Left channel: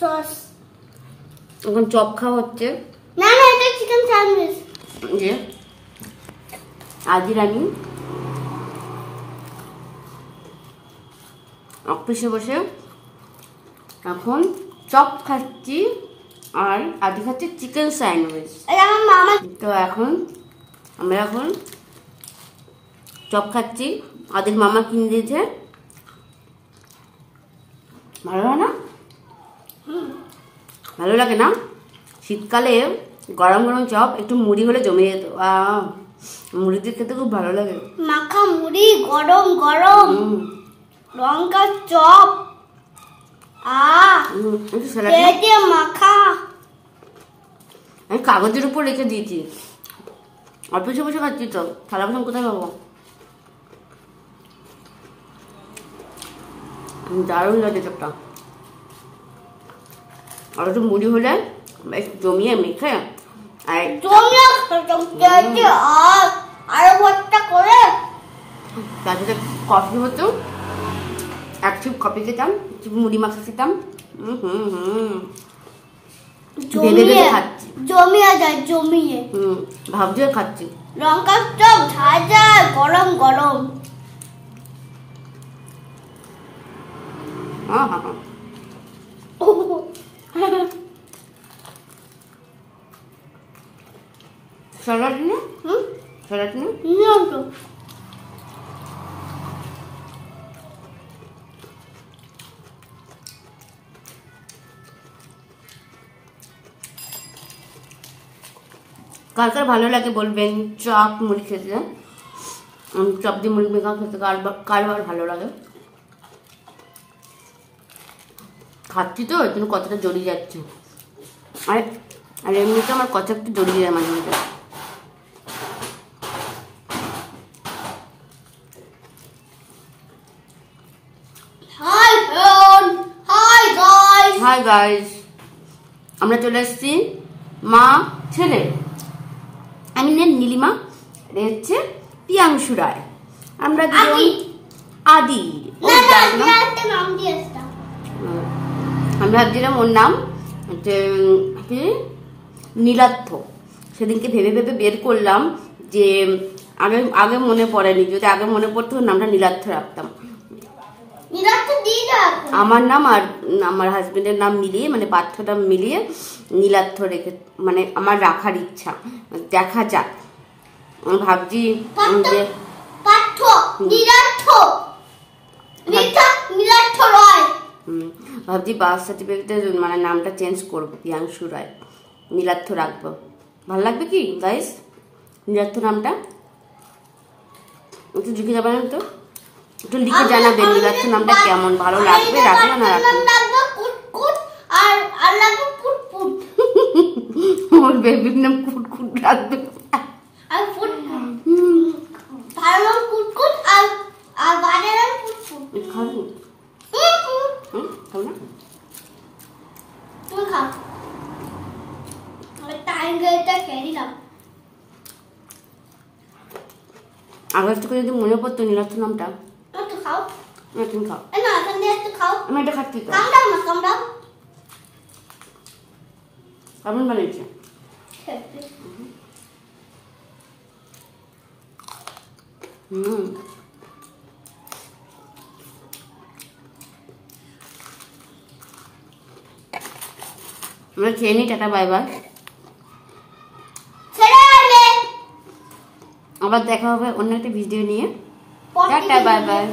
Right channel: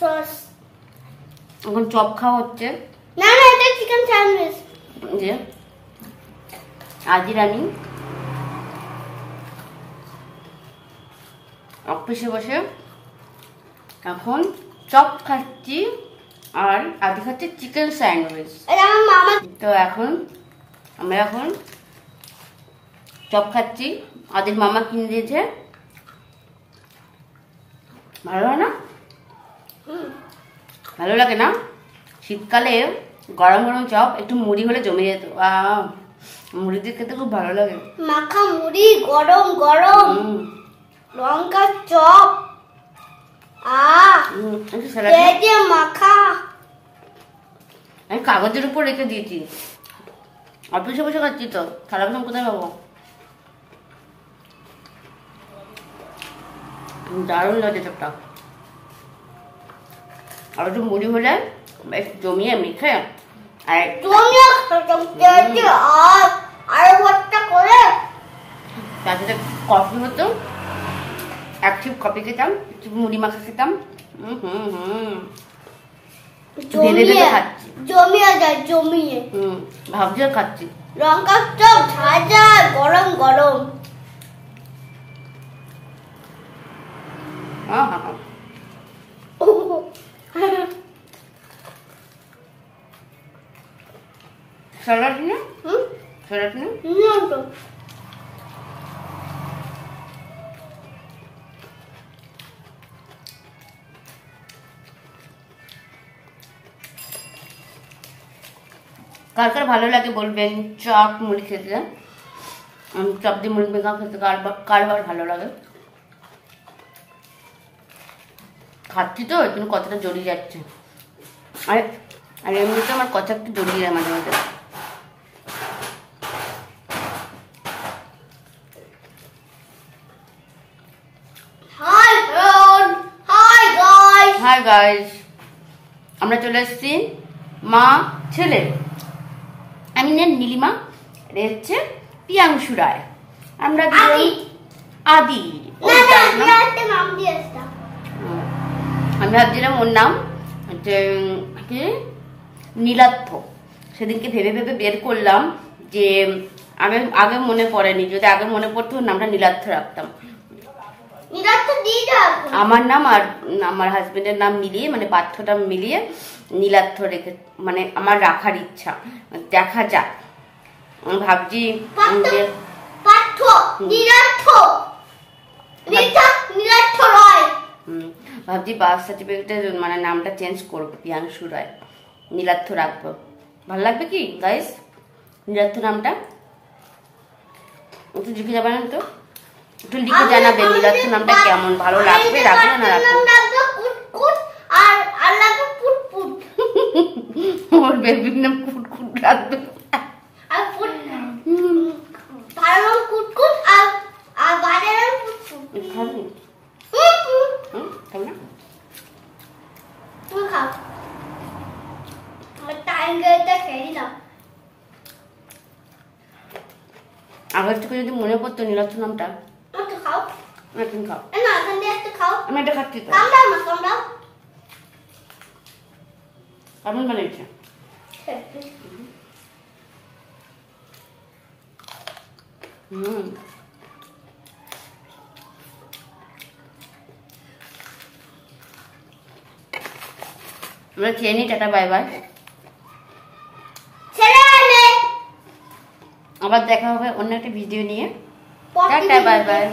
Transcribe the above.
Sauce. এখন chop খাওয়া হচ্ছে। না না, এটা চিকেন স্যান্ডউইচ। যে আজি রানী অফিসে বসে এখন চপ খাচ্ছি আর আদি খাচ্ছি চিকেন স্যান্ডউইচ। আমার মামা তো আমরা এখন চপ খাচ্ছি, আদির মামা কিনে দিয়েছে। ভালো হয় না? ভালো লাগে না? শীতকালে গরম গরম চপ একটু মুড়ি হলে জমে যেত। মুড়ি দিয়ে খেতে খুব ভালো লাগে। মাখা মুড়ি গরম গরম, লঙ্কার চপ, মাখা। আমি কাগজের উপর রেখে দিয়েছি, অফিসে বসে খাচ্ছি তো, থালা বাসন কোথায় পাবো? দারুণ লাগে চপটা। আর একটু মুড়ি হলে বেশ জমিয়ে মেখে আরো ভর্তা করে তার সাথে কফি হতো, এক চিপ কফি খেতাম, একটু মুড়ি মাখা খেতাম। জমিয়ে যায়, জমিয়ে। ভাবছি খাচ্ছি লঙ্কার চপ ঝাঁঝা গরম গরম। স্যালাড না? স্যালাড না? কার কার ভালো লাগে বলবেন চপ মুড়ি খেতে। চপ দিয়ে মুড়ি মেখা খেতে কার ভালো লাগে। খাচ্ছি তো ওই জন্য কথাটা জড়িয়ে যাচ্ছে। আর এমনিতে আমার কথা একটু জড়িয়ে যায় মাঝে মাঝে। হাই গাইস, আমরা চলে এসেছি মা ছেলে। আমি নীলিমা, এটা হচ্ছে পিয়াংশু রায়। আমরা আদি। আমি ভাবছিলাম ওর নাম হচ্ছে নীলার্থ। সেদিনকে ভেবে ভেবে বের করলাম যে আগে মনে পড়েনি, যদি আগে মনে পড়তো ওর নামটা নীলার্থ রাখতাম। আমার নাম আর আমার হাজবেন্ডের নাম মিলিয়ে, মানে পাঠ্যটা মিলিয়ে নীলার্থ রেখে, মানে আমার রাখার ইচ্ছা। দেখা যাক, আমি ভাবছি ভাবছি বার্থ সার্টিফিকেটের মানে নামটা চেঞ্জ করবো, পিয়াংশু রায়, নীলার্থ রাখবো। ভালো লাগবে কি গাইস নীলার্থ নামটা? একটু লিখে যাবেন তো, একটু লিখে জানাবেন নীলার্থ নামটা কেমন, ভালো লাগবে? রাখবে না রাখবে? ওর বেবির নাম কুটকুট রাখবে। আগের থেকে যদি মনে পড়তো নীলার্থ নামটা। তুমি খাও, আমি এটা খাচ্ছি তো। কেমন বানিয়েছে? আমরা খেয়ে নি, টাটা বাই বাই। আবার দেখা হবে অন্য একটা ভিডিও নিয়ে। Tata bye bye.